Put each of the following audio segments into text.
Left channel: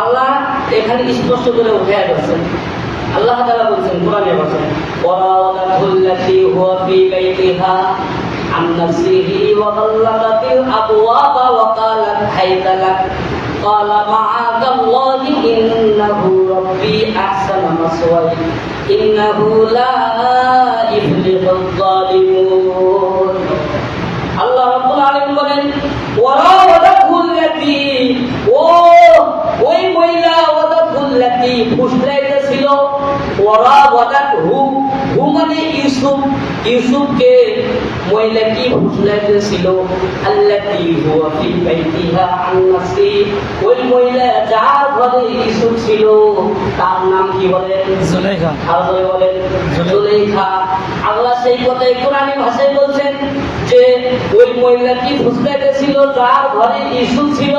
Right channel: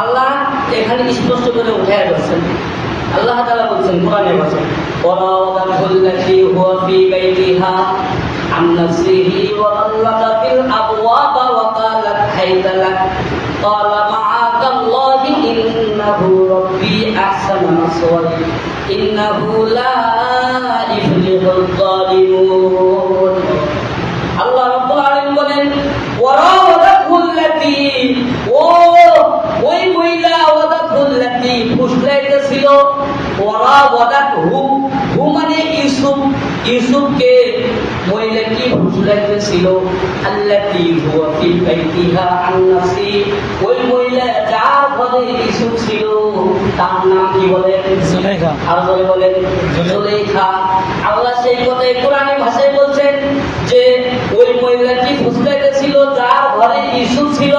আল্লাহ এখানে স্পষ্ট করে উঠে যাচ্ছেন। আল্লাহ তাআলা বলছেন কোরআনে বলছেন ওয়ারাওয়াদাতুল্লাতী হুয়া ফী বাইতিহা আন নাফসিহি ওয়া গাল্লাকাতিল আবওয়াবা ওয়া ক্বালাত হাইতা লাক ক্বালা মাআদাল্লাহি ইন্নাহু রাব্বী আহসানা মাসওয়ায়া ইন্নাহু লা ইফলিহুল যালিমুন। আল্লাহ রাব্বুল আলামিন বলেন ওয়ারাওয়াদাতুল্লাতী ওই মহিলা ওয়াদাতুল্লাতী ফুসলাইতেছিল ওয়ারাওয়াদাতহু মানে ইউসুফকে মহিলা কি ফুসলাইতেছিল আল্লাতী হুয়া ফী বাইতিহা আন নাফসি ওই মহিলা যার ঘরে ইউসুফ ছিল তার নাম কি বলে জুলাইখা। আর বলে জুলাইখা। আল্লাহ সেই কথাই কোরআনী ভাষায় বলছেন যে ওই মহিলাটি ফুসলাইতেছিল যার ঘরে ইউসুফ ছিল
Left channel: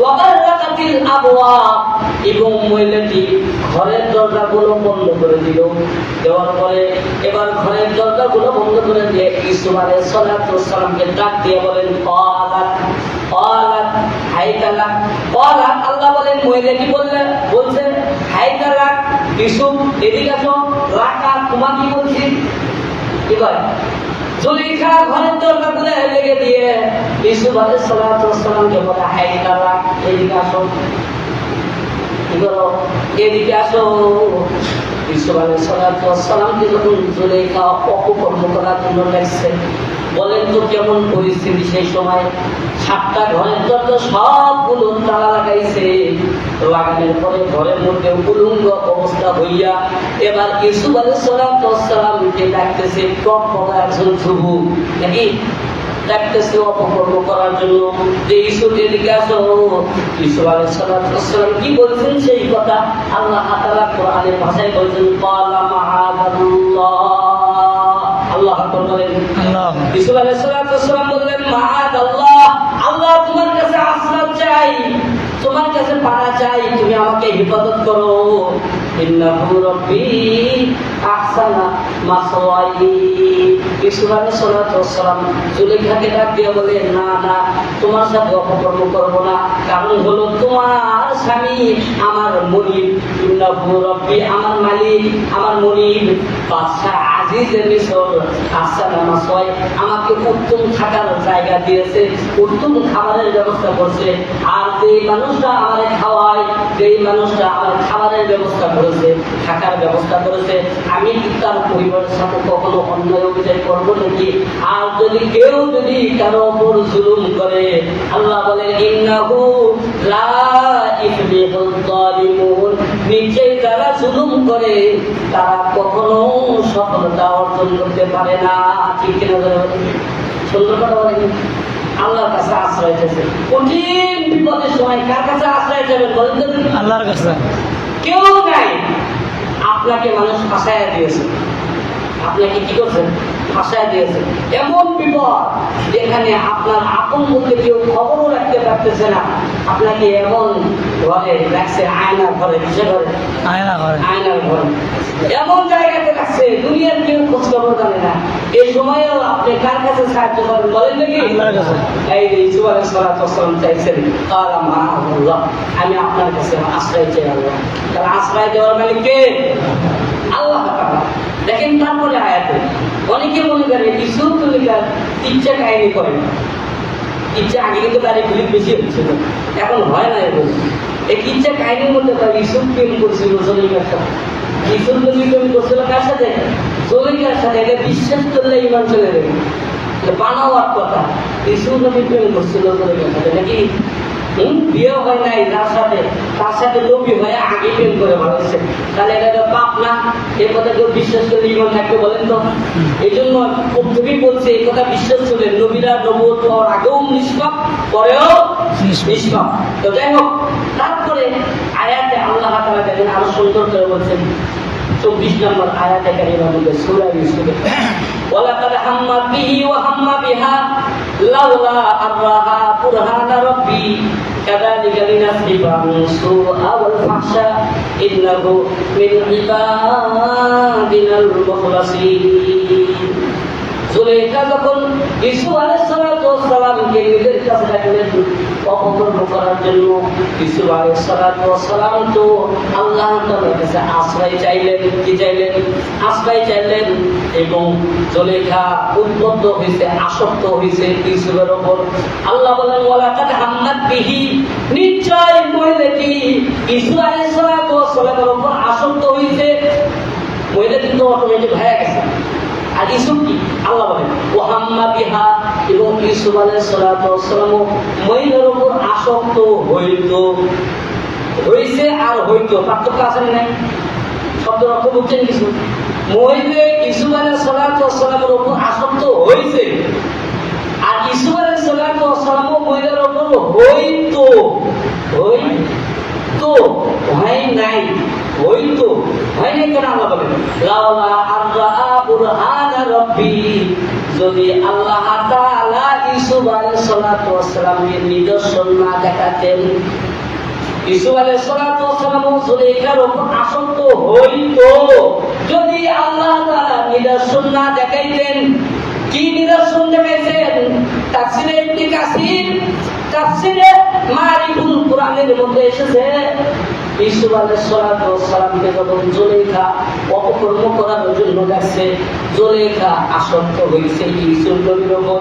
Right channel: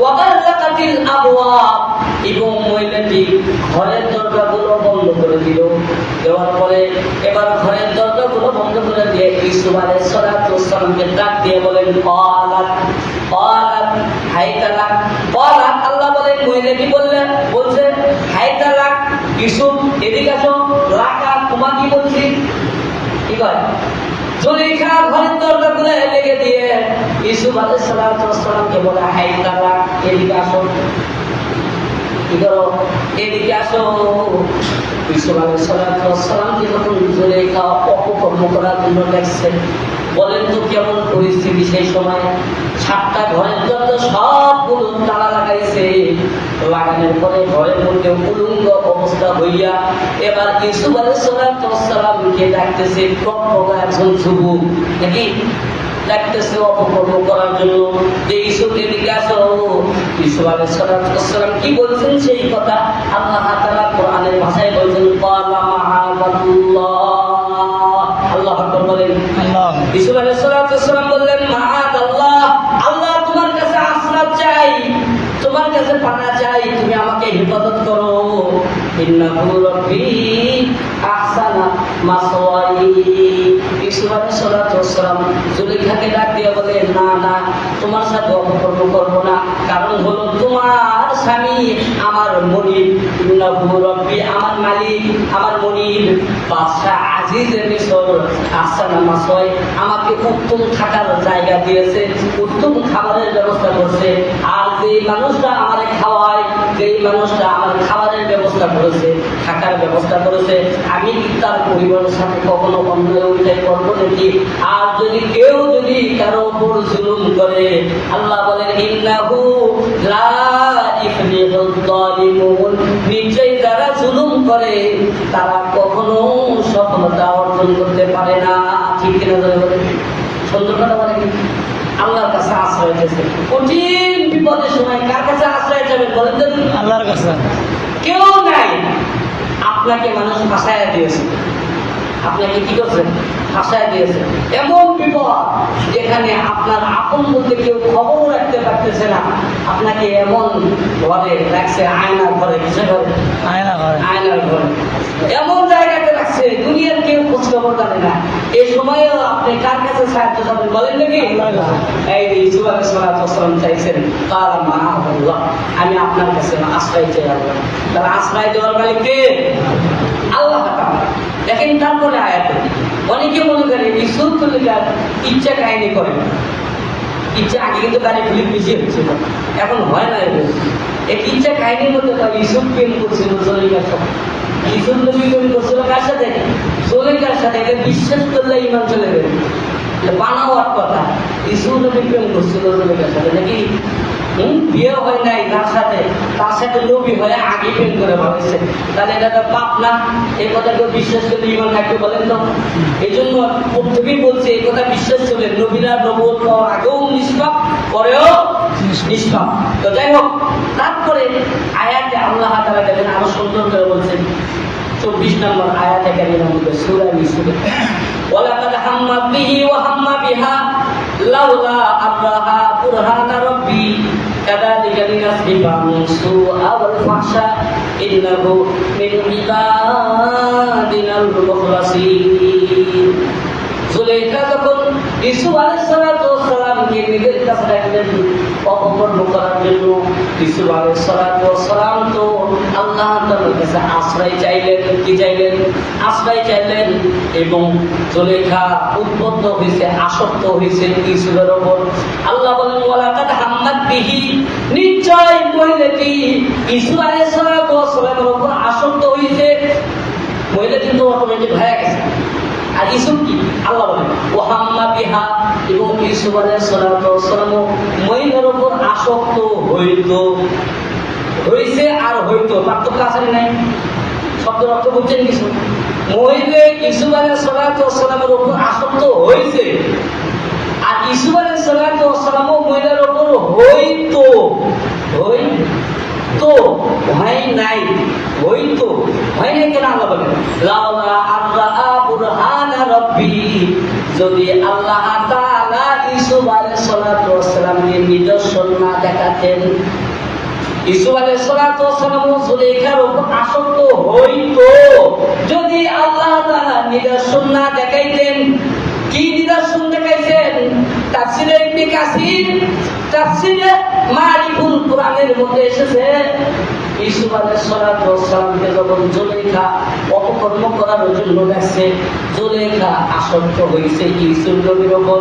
ওয়াগাল্লাকাতিল আবওয়াব এবং মহিলাটি ঘরের দরজাগুলো বন্ধ করে দিল। দেওয়ার পরে এবার ঘরের দরজাগুলো বন্ধ করে দিয়ে ইউসুফ আলাইহিস সালাতু ওয়াস সালামকে ডাক দিয়ে বলেন ক্বালাত হাইতা লাক। ক্বালাত আল্লাহ বলেন মহিলাটি বলছেন হাইতা লাক ইউসুফ এদিকে আসো। লাকা তোমাকে বলছি। এবার জুলাইখা ঘরের দরজাগুলো লেগে দিয়ে ইউসুফ আলাইহিস সালাতু ওয়াস সালামকে বলে হাইতা লাক এদিকে আসো। কি করো এদিকে আসো। ইউসুফ আলাইহিস সালাতু ওয়াস সালামকে যখন জুলাইখা অপকর্ম করার জন্য দেখছে, বলেন তো কেমন পরিস্থিতি সেই সময়। 7টা ঘরের দরজা সবগুলো তালা লাগাইছে। লাগানোর পরে ঘরের মধ্যে উলঙ্গ অবস্থা হইয়া এবার ইউসুফ আলাইহিস সালাতু ওয়াস সালামকে ডাকতেছে একজন যুবক নাকি ডাকতেছে অপকর্ম করার জন্য যে ইউসুফ এদিকে আসো। ইউসুফ আলাইহিস সালাতু ওয়াস সালাম কি বলছেন সেই কথা আল্লাহ তাআলা কোরআনের ভাষায় বলছেন ক্বালা মাআদাল্লাহ। আল্লাহ আকবার বলেন। ইউসুফ আলাইহিস সালাতু ওয়াস সালাম বললেন মাআদাল্লাহ, আল্লাহ তোমার কাছে আশ্রয় চাই, তোমার কাছে পানা চাই, তুমি আমাকে হেফাজত করো। ইন্নাহু রাব্বী আহসানা মাসওয়ায়া। ইউসুফ আলাইহিস সালাতু ওয়াস সালাম জুলাইখাকে ডাক দিয়ে বলে না না তোমার সাথে অপকর্ম করবো না, কারণ হলো তোমার স্বামী আমার মনিব। ইন্নাহু রাব্বী আমার মালিক আমার মনিব বাদশাহ আজিজে মিসর আহসানা মাসওয়ায়া আমাকে উত্তম থাকার জায়গা দিয়েছে, উত্তম খাবারের ব্যবস্থা করছে। আর যেই মানুষটা আমারে খাওয়ায়, যেই মানুষটা আমার খাবারের ব্যবস্থা করেছে, থাকার ব্যবস্থা করেছে, আমি কি তার পরিবারের সাথে কখনো অন্যায় অন্যায় করবো নাকি? আর কেউ যদি কারো উপর জুলুম করে, আল্লাহ বলেন ইন্নাহু লা ইফলিহুল যালিমুন, নিশ্চয়ই যারা জুলুম করে তারা কখনো সফলতা অর্জন করতে পারে না। ঠিক কিনা বলে সুন্দর কথা বলে। আল্লাহর কাছে আশ্রয় চাইছে কঠিন বিপদের সময়। কার কাছে আশ্রয় চাইবে বলেন তো? আল্লাহর কাছে। কেউ নাই। আপনাকে মানুষ ফাঁসাইয়া দিয়েছে, আপনাকে কি করছেন? ফাঁসাইয়া দিয়েছে। এমন বিপদ যেখানে আপনার আপন বলতে কেউ খবর রাখতে পারতেছে না, আপনাকে এমন ঘরে রাখছে, আয়নার ঘরে। কিসের ঘরে? আয়নার ঘরে। এমন জায়গাতে রাখছে দুনিয়ার কেউ খোঁজ খবর জানে না। এই সময়ও আপনি কার কাছে সাহায্য চাবেন বলেন নাকি? এই ইউসুফ আলাইহিস সালাতু ওয়াস সালাম চাইছেন ক্বালা মাআদাল্লাহ, আমি আপনার কাছে আশ্রয় চাই আল্লাহ। তাহলে আশ্রয় দেওয়ার মালিক কে? আল্লাহ তাআলা। দেখেন তারপরে আয়াতে অনেকে মনে করে ইউসুফ তো ইচ্ছা কাহিনী করে। ইচ্ছা আগে কিন্তু তার ফিলিপ বেশি হচ্ছিল, এখন হয় না। এই ইচ্ছা কাহিনীর মধ্যে ইউসুফ প্রেম করছিল জুলাইখার সাথে। ইউসুফ নবী প্রেম করছিল কার সাথে? জুলাইখার সাথে। এটা বিশ্বাস করলে ইমান চলে যাবে, বানাওয়ার কথা। ইউসুফ নবী প্রেম করছিল জুলাইখার সাথে নাকি? বিয়ে হয় নাই তার সাথে নবী হয়ে আগে প্রেম করে ভালোবাসে, তাহলে এটা তো পাপ না? এই কথা কেউ বিশ্বাস করে ইমান থাকতে বলেন তো? এই জন্য প্রত্যেকেই বলছে এই কথা বিশ্বাস করলেন নবীরা নবুয়ত পাওয়ার আগেও নিষ্পাপ, পরেও নিষ্পাপ। তো যাই হোক, তারপরে আয়াতে আল্লাহ তাআলা দেখেন আরো সুন্দর করে বলছেন 24 নম্বর আয়াতে কারিমার মধ্যে সূরা ইউসুফে ওয়ালাকাদ হাম্মাত বিহি ওয়া হাম্মা বিহা লাউলা আররাহা বুরহানা রাব্বি কাযালিকা লিনাসরিফা সুআ ওয়াল ফাহশা ইন্নাহু মিন ইবাদিনাল মুখলাসিন। জুলেখা যখন ইসু আলাইহিসসালামকে নিজের কাছে ডাকলেন অপকর্ম করার জন্য, ইসু আলাইহিসসালাম তো আল্লাহ তাআলার কাছে আশ্রয় চাইলেন। কি চাইলেন? আশ্রয় চাইলেন। এবং জুলেখা উদ্বুদ্ধ হয়েছে, আসক্ত হয়েছে ইসুফের ওপর। আল্লাহ বলেন ওয়ালাকাদ হাম্মাত বিহি, নিশ্চয় মহিলাটি ইসু আলাইহিসসালামের ওপর আসক্ত হয়েছে। মহিলা কিন্তু অটোমেটিক হয়ে গেছে। আর ইসুফ কি? আল্লাহ বলেন ও হাম্মা বিহা, এবং ইসুফ আলাইহিসসালাম মহিলার উপর আসক্ত হয়েছে আর হইতো, পার্থক্য আছে না? নাই? শব্দের অর্থ বুঝছেন কিছু? মহিলা ইসুফ আলাইহিসসালামের উপর আসক্ত হয়েছে, আর ইসুফ আলাইহিসসালাম মহিলার উপর হইতো হয় নাই কেন? আল্লাহ বলেন লাউলা আররা বুরহানা রাব্বি, যদি আল্লাহ তাআলা ইসুফ আলাইহিসসালামকে নিদর্শন না দেখাতেন, ইসুফ আলাইহিসসালাম জুলেখার উপর আসক্ত হইতো, যদি আল্লাহ তাআলা নিদর্শন না দেখাইতেন। কি নিদর্শন দেখাইছেন? তাফসীরে ইবনে কাসির, তাফসীরে মারিফুল কোরআনের মধ্যে এসেছে ইসুফ আলাইহিসসালামকে যখন জুলেখা অপকর্ম করার জন্য ডাকছে, জুলেখা আসক্ত হয়েছে ইসুফ নবীর উপর।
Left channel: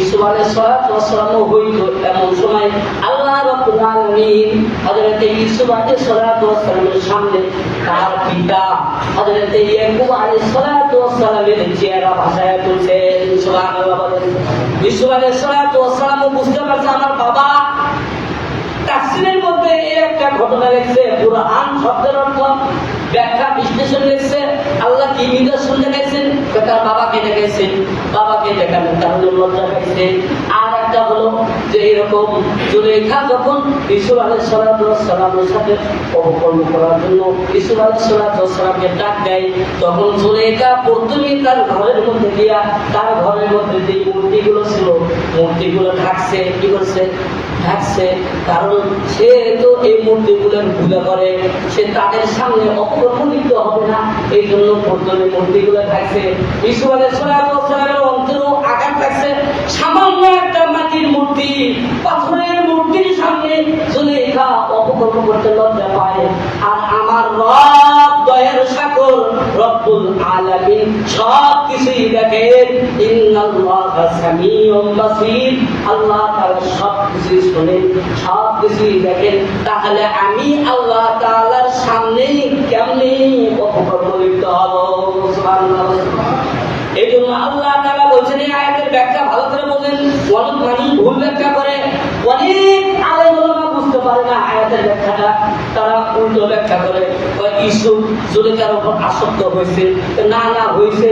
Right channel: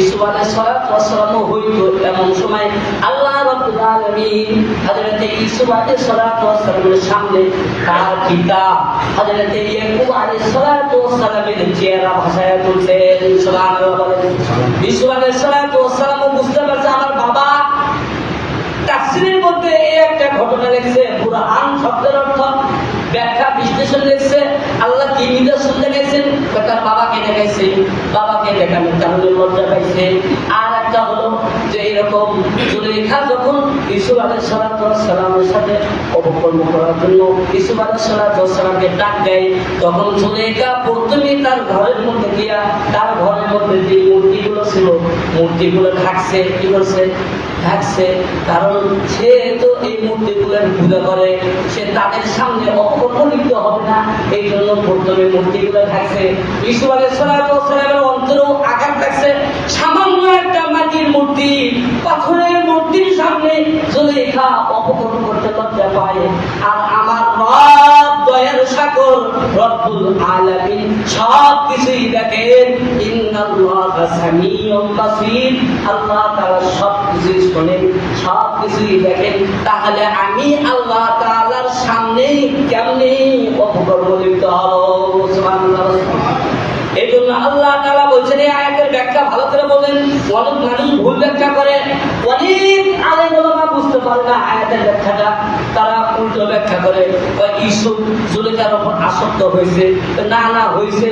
ইসুফ আলাইহিসসালামও হইতো। এমন সময় আল্লাহ রাব্বুল আলামিন হযরত ইসুফ আলাইহিসসালামের সামনে তার পিতা হযরত ইয়াকুব আলাইহিসসালামের চেহারা ভাসায়া তুলছেন। সুবহানাল্লাহ বলেন। ইসুফ আলাইহিসসালামও বুঝতে পারছে আমার বাবা। তাফসীরের মধ্যে এই একটা ঘটনা লিখছে, কুরআন শব্দের অর্থ ব্যাখ্যা বিশ্লেষণ লিখছে আল্লাহ কি নিদর্শন দেখাইছেন, তার বাবাকে দেখাইছেন, বাবাকে দেখানোর কারণে লজ্জা পাইছে। আর একটা হলো যে এরকম জুলেখা যখন ইসুফ আলাইহিসসালামের সাথে অপকর্ম করার জন্য ইসুফ আলাইহিসসালামকে ডাক দেয়, তখন জুলেখা প্রথমে তার ঘরের মধ্যে গিয়া তার ঘরের মধ্যে যে মূর্তিগুলো ছিল মূর্তিগুলো ঢাকছে। কি করছে? ঢাকছে। কারণ সে তো এই মূর্তিগুলোর পূজা করে, সে তাদের সামনে অপকর্ম লিপ্ত হবে না, এই জন্য প্রথমে মূর্তিগুলো ঢাকছে। ইসুফ আলাইহিসসালামের অন্তরেও আঘাত লাগছে। সামান্য একটা মাটির মূর্তি, পাথরের মূর্তির সামনে জুলেখা অপকর্ম করতে লজ্জা পায়। আর আমার রব দয়ার সাগর রব্বুল আলামিন সব কিছুই দেখেন। ইন্নাল্লাহা সামিউন বাসীর, আল্লাহ তাআলা সব কিছুই শোনেন, সব কিছুই দেখেন। তাহলে আমি আল্লাহ তাআলার সামনে কেমনে অপকর্ম লিপ্ত হব? সুবহানাল্লাহ। এই জন্য আল্লাহ তাআলা বলছেন, এই আয়াতের ব্যাখ্যা ভালো করে বলেন। অনেক মানুষ ভুল ব্যাখ্যা করে, অনেক আলেম ওলামা বুঝতে পারে না আয়াতের ব্যাখ্যাটা, তারা উল্টো ব্যাখ্যা করে। ইসুফ জুলেখার উপর আসক্ত হয়েছে, না হয়েছে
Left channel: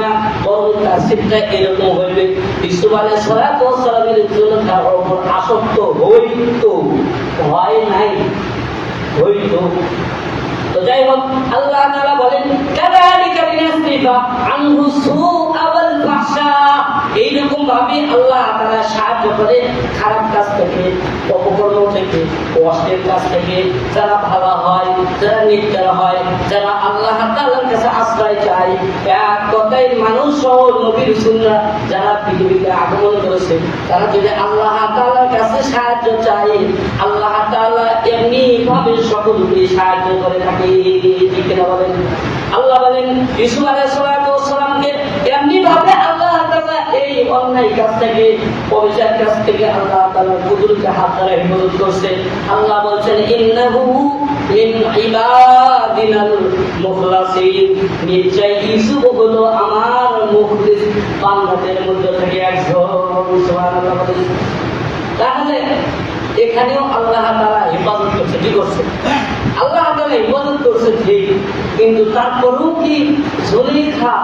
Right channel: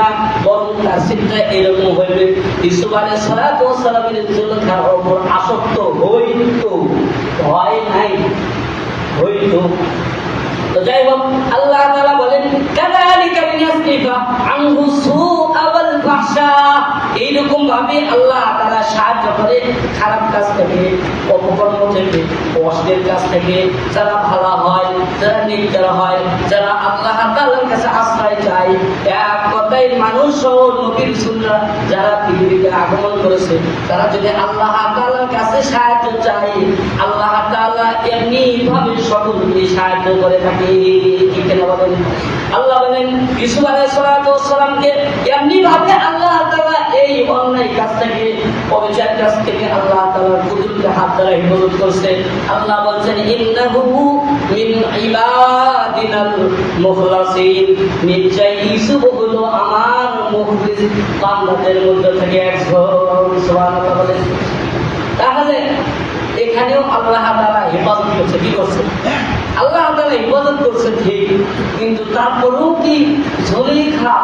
না, বরং তার চিন্তা এরকম হইবে ইসুফ আলাইহিসসালামের জুলেখার উপর আসক্ত হইতো, হয় নাই, হইতো। তো যাই হোক, আল্লাহ তাআলা বলেন কাযালিকা লিনাসরিফা আনহু সুআ ওয়াল ফাহশা, এইরকম ভাবে আল্লাহ তাআলা সাহায্য করে খারাপ কাজ থেকে, অপকর্ম থেকে, অশ্লীল কাজ থেকে। যারা ভালো হয়, যারা নেককার হয়, যারা আল্লাহ তাআলার কাছে আশ্রয় চায়, এক কথায় মানুষ সহ নবী রাসূলরা যারা পৃথিবীতে আগমন করেছে, তারা যদি আল্লাহ তাআলার কাছে সাহায্য চায়, আল্লাহ তাআলা এমনি ভাবে সকলকে সাহায্য করে থাকে। ঠিক কিনা বলেন? আল্লাহ বলেন ইসুফ আলাইহিসসালামকে এমনি ভাবে আল্লাহ তাআলা এই অন্যায় কাজ থেকে, পবিচার কাজ থেকে আল্লাহ তাআলার কুদরতে হাত দ্বারা হিফাজত করছে। আল্লাহ বলছেন ইন্নাহু মিন ইবাদিনাল মুখলাসিন, নিশ্চয় ইসুফ হলো আমার মুখলিস বান্দাদের মধ্যে থেকে একজন। সুবহানাল্লাহ বলেন। তাহলে এখানেও আল্লাহ তাআলা হিফাজত করছে। কি করছে? আল্লাহ তাআলা হিফাজত করছে ঠিক, কিন্তু তারপরেও কি জুলেখা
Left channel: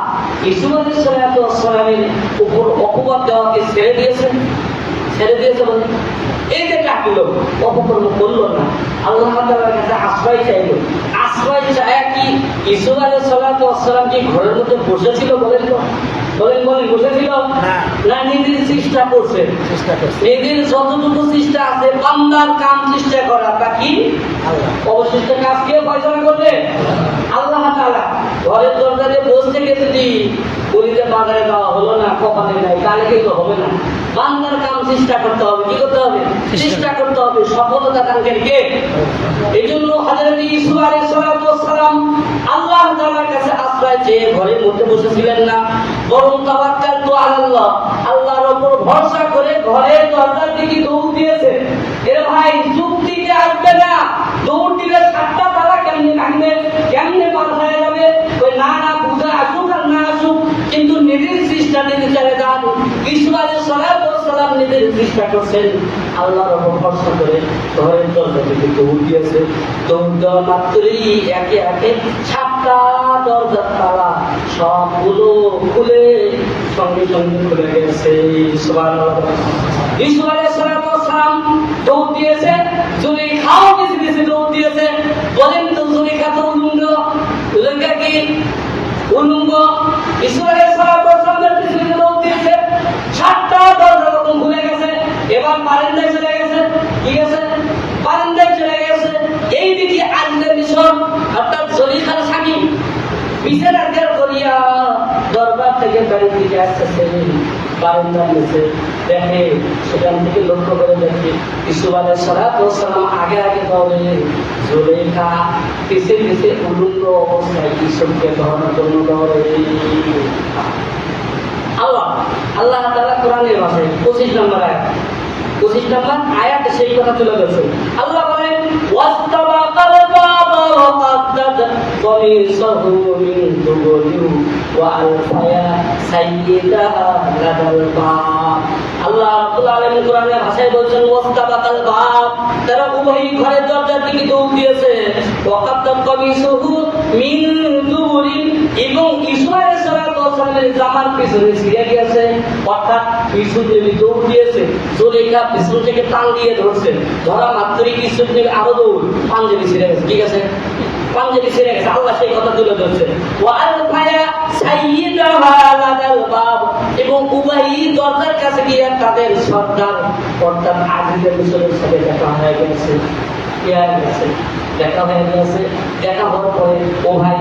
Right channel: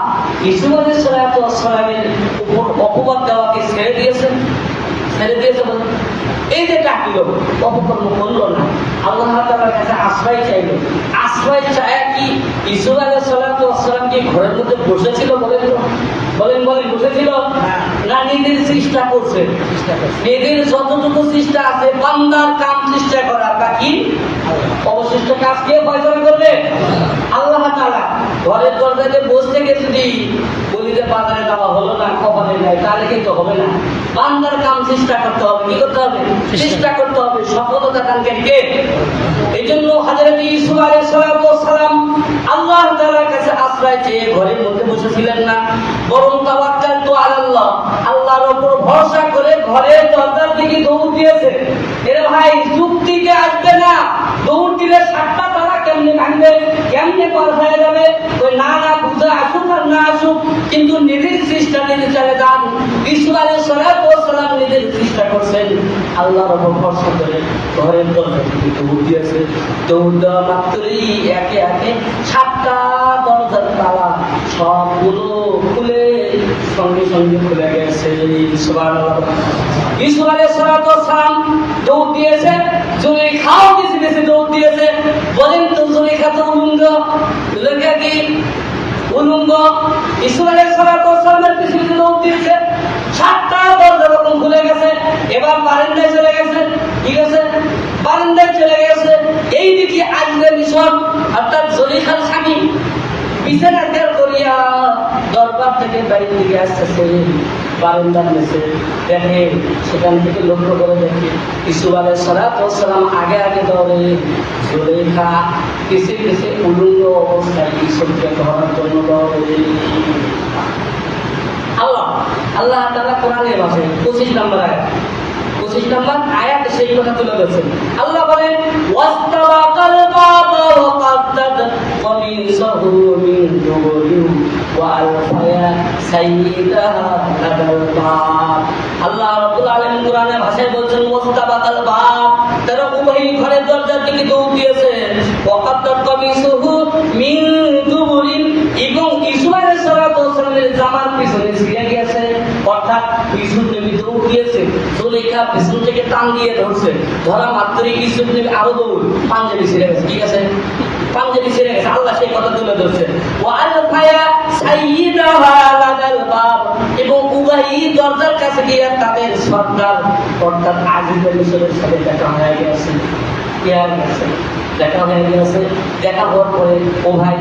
ইসুফ আলাইহিসসালামের উপর অপবাদ দেওয়াকে ছেড়ে দিয়েছে? বলে এই যে ডাকলো, অপকর্ম করলো না, আল্লাহ তাআলার কাছে আশ্রয় চাইলো। আশ্রয় চায় কি ইসুফ আলাইহিসসালাম কি ঘরের মধ্যে বসেছিল? বলেন বসেছিল না? নিজের চেষ্টা করছে। নিজের যতটুকু চেষ্টা আছে বান্দার কাম চেষ্টা করা, বাকি অবশিষ্ট কাজ কে ফয়সালা করবে? আল্লাহ তাআলা। ঘরের দরজাতে বসে থেকে যদি বলিতে বাজারে যাওয়া হলো না, কপালে নাই, তাহলে কিন্তু হবে না। বান্দার কাম চেষ্টা করতে হবে। কি করতে হবে? চেষ্টা করতে হবে। সফলতা দানকারী কে? এই জন্য হযরত ইউসুফ আলাইহিস সালাম আল্লাহ তাআলার কাছে আশ্রয় চেয়ে ঘরের মধ্যে বসেছিলেন না, বরং তাওয়াক্কালতু আলাল্লাহ, আল্লাহর উপর ভরসা করে ঘরের দরজার দিকে দৌড় দিয়েছে। এর ভাই যুক্তিতে আসবে না, দৌড় দিলে 7টা তালা কেমনে ভাঙবে, কেমনে পার হয়ে যাবে, ওই না না বুঝা আসুক আর না আসুক, কিন্তু নিজের চেষ্টা নিজে চালিয়ে যান। ইউসুফ আলাইহিস সালাম নিজের চেষ্টা করছেন, আল্লাহর উপর ভরসা করে ঘরের দরজা দিকে দৌড় দিয়েছে। দৌড় দেওয়া মাত্রই একে একে 7টা দরজার তালা সবগুলো খুলে সঙ্গে সঙ্গে খুলে গেছে। সুবহানাল্লাহ। ইউসুফ আলাইহিস সালাম দৌড় দিয়েছে, জুলেখাও কিছু কিছু দৌড় দিয়েছে। বলেন তো জুলেখা তো উলঙ্গ, জুলেখা কি উলঙ্গ? ইউসুফ আলাইহিস সালামের পিছনে দৌড় দিয়েছে, 7টা দরজা যখন খুলে গেছে, এবার বারান্দায় চলে গেছে। ঠিক আছে, বারান্দায় চলে গেছে। এইদিকে আজলে মিশর অর্থাৎ জুলেখার স্বামী বিছানা ত্যাগ করিয়া দরবার থেকে বাড়ির দিকে আসতেছে, বারান্দার নিচে দেখে, সেখান থেকে লক্ষ্য করে দেখে ইউসুফ আলাইহিস সালাম আগে আগে দৌড়ে, জুলেখা পিছে পিছে উলঙ্গ অবস্থায় ইউসুফকে ধরার জন্য দৌড়ে। আল্লাহ তাআলা কোরআনের ভাষায় 25 নম্বর আয়াত, 25 নম্বর আয়াতে সেই কথা তুলে ধরেছেন। আল্লাহ বলেন ওয়াস্তাবাকাল বাবা ওয়া কাদ্দাত কমিসাহু মিন দুবুরিন ওয়া আলফায়া সাইয়্যিদাহা লাদাল বাব। আল্লাহ রাব্বুল আলামিন কোরআনের ভাষায় বলছেন ওয়াস্তাবাকাল বাব, তারা উভয়ই ঘরের দরজার দিকে দৌড় দিয়েছে। ওয়া কাদ্দাত কমিসাহু মিন দুবুরিন, এবং ইউসুফ আলাইহিস সালামের জামার পিছনে ছিঁড়ে গিয়েছে। অর্থাৎ ইউসুফ নবী দৌড় দিয়েছে, জুলেখা পিছন থেকে টান দিয়ে ধরছে, ধরা মাত্রই ইউসুফ নবী আরো দৌড়, পাঞ্জাবি ছিঁড়ে গেছে। ঠিক আছে, পাঞ্জাবি ছিঁড়ে গেছে। আল্লাহ সেই কথা তুলে ধরছে ওয়া আলফায়া সাইয়্যিদাহা লাদাল বাব, এবং উভয়ই দরজার কাছে গিয়ে তাদের সর্দার অর্থাৎ আজিজে মিশরের সাথে দেখা হয়ে গেছে। দেখা হয়ে গেছে। দেখা হওয়ার পরে ও ভাই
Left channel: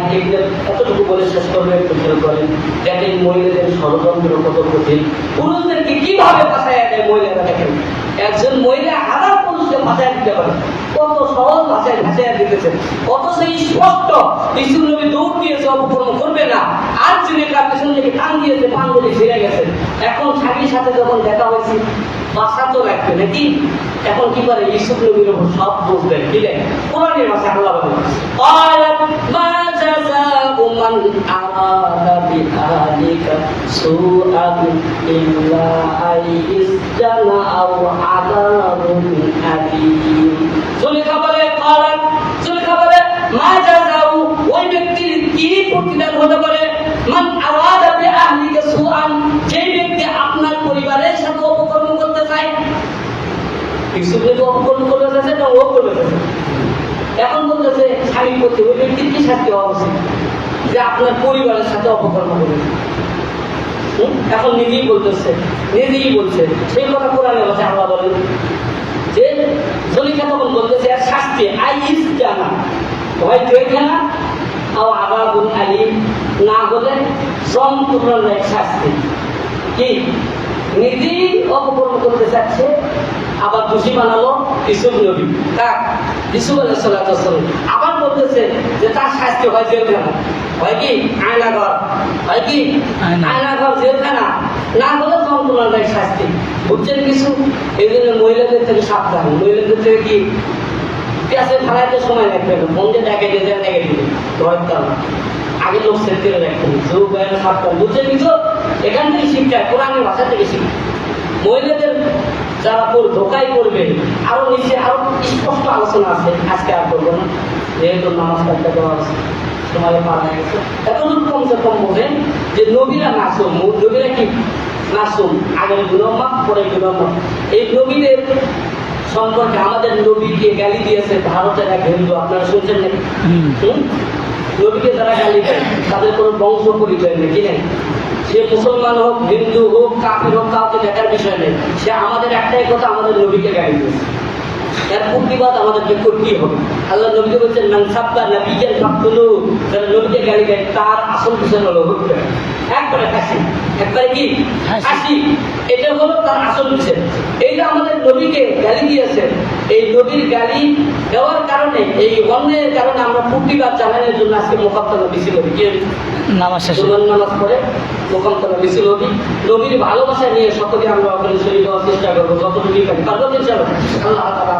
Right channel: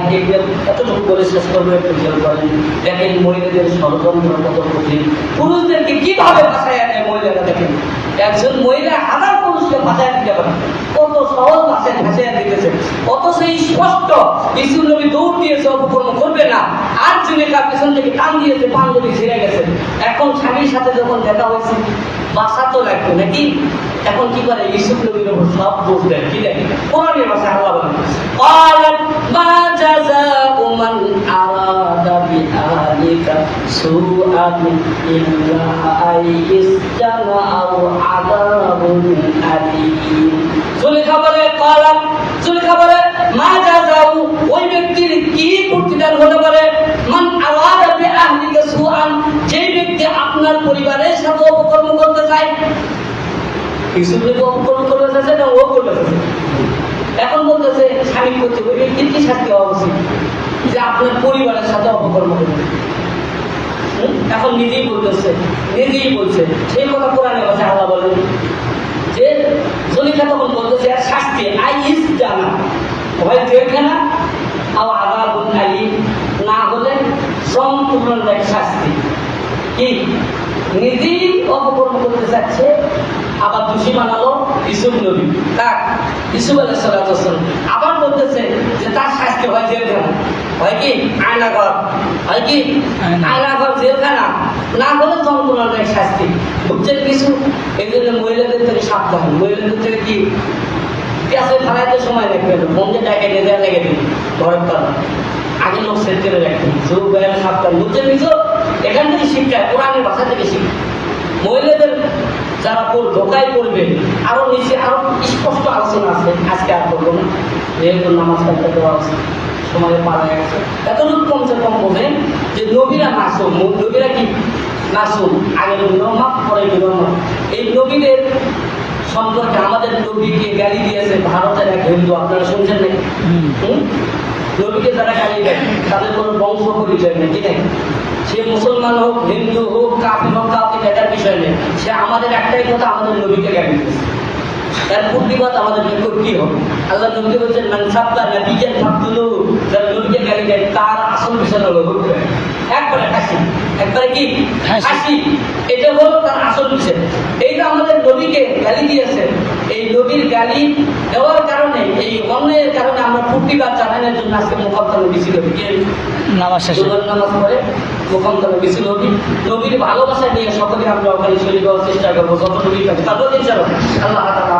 এতটুকু বলে শেষ করবে, একটু খেয়াল করেন। দেখেন মহিলাদের ষড়যন্ত্র কত কঠিন, পুরুষদেরকে কিভাবে বাঁচায় দেয় মহিলারা। দেখেন একজন মহিলা হাজার পুরুষকে বাঁচায় দিতে পারে, কত সহজ ভাষায় ভাষায় দিতেছে। অথচ স্পষ্ট ইউসুফ নবী দৌড় দিয়েছে, অপকর্ম করবে না, আর জুলেখা পেছন থেকে টান দিয়েছে, পাঞ্জাবি ছিঁড়ে গেছে। এখন স্বামীর সাথে যখন দেখা হয়েছে, বাসা তো লাগবে নাকি, এখন কি করে ইউসুফ নবীর উপর সব দোষ দেন। কি দেন? কোরআনের ভাষায় আল্লাহ বলেন ক্বালাত মা জাযাউ মান আরাদা বিআলিকা সুআন ইল্লা আইসজানা আও আযাবুন আলীম। জুলেখা বলে ক্বালাত, জুলেখা বলে মা জাযাউ, ওই ব্যক্তির কি প্রতিদান হতে পারে, মান আরাদা বিআলিকা সুআন, যে ব্যক্তি আপনার পরিবারের সাথে অপকর্ম করতে চায়। ইউসুফ নবী অপকর্ম করতে চাইছে না ও করতে চাইছে? এখন বলতেছে স্বামী প্রতি ওই ব্যক্তির কি শাস্তি হওয়া উচিত যে আপনার পরিবারের সাথে অপকর্ম করবে। এখন নিজেই বলতেছে, নিজেই বলছে সেই কথা কোরআনের কাছে আল্লাহ বলেন যে জুলেখা তখন বলতেছে আর শাস্তি আইস জানা হয় জেলখানা আর আযাবুন আলীম, না হলে সম্পূর্ণ এক শাস্তি। কি নিজেই অপকর্ম করতে চাচ্ছে, আবার দোষী বানালো ইউসুফ নবী, তাক ইউসুফ আলাইহিস সালাম। আবার বলতেছে যে তার শাস্তি হয় জেলখানা, হয় কি আয়নাঘর, হয় কি আয়নাঘর, জেলখানা, না হলে যন্ত্রণার শাস্তি। বুঝছেন কিছু? এই জন্য মহিলাদের থেকে সাবধান। মহিলাদের থেকে কি পেঁচে ফেলাইতে সময় লাগবে না, বন্ধে ডাকে দিয়ে দেয় লেগে দিবে ঘরের তলা, আগে লোক সেট করে রাখতে যোগ ব্যায়াম সাবধান। বুঝছেন কিছু? এখান থেকে শিক্ষা, কোরআনের ভাষা থেকে শিক্ষা। মহিলাদের যারা ধোকাই করবে, আরো নিচে আরো স্পষ্ট আলোচনা আছে, আজকে আর করবো না, যেহেতু নামাজ পড়তে দেওয়া আছে, সময় পার হয়ে গেছে। এতটুকু কমসে কম বোঝেন যে নবীরা মাসুম। নবীরা কি মাসুম? আগের গুনাহ মাফ, পরে গুনাহ মাফ। এই নবীদের সম্পর্কে আমাদের নবীকে গালি দিয়েছে ভারতের এক হিন্দু, আপনারা শুনছেন নাকি? নবীকে যারা গালি দেয় তাদের কোনো বংশ পরিচয় নেই, ঠিক আছে? সে মুসলমান হোক, হিন্দু হোক, কাফির হোক, কাউকে দেখার বিষয় নেই। সে আমাদের একটাই কথা, আমাদের নবীকে গালি দিয়েছে। তার প্রতিবাদ আমাদেরকে করতেই হবে। আল্লাহ নবীকে বলছেন মান সাব্বা নাবিয়ান ফাকতুলু, যারা নবীকে গালি দেয় তার আসল পিছনে হলো হুকমে একবারে হাসি, একবারে কি হাসি, এটা হলো তার আসল বিষয়। এইটা আমাদের নবীকে গালি দিয়েছেন, এই নবীর গালি দেওয়ার কারণে, এই অন্যায়ের কারণে আমরা প্রতিবাদ জানানোর জন্য আজকে মোকামতলা মিছিল হবে। কি নামাজ শেষে নামাজ পড়ে মোকামতলা মিছিল হবে। নবীর ভালোবাসা নিয়ে সকলে আমরা ওখানে শরীর হওয়ার চেষ্টা করবো, যতটুকু পারি। তারপর ইনশাআল্লাহ আল্লাহ তাআলা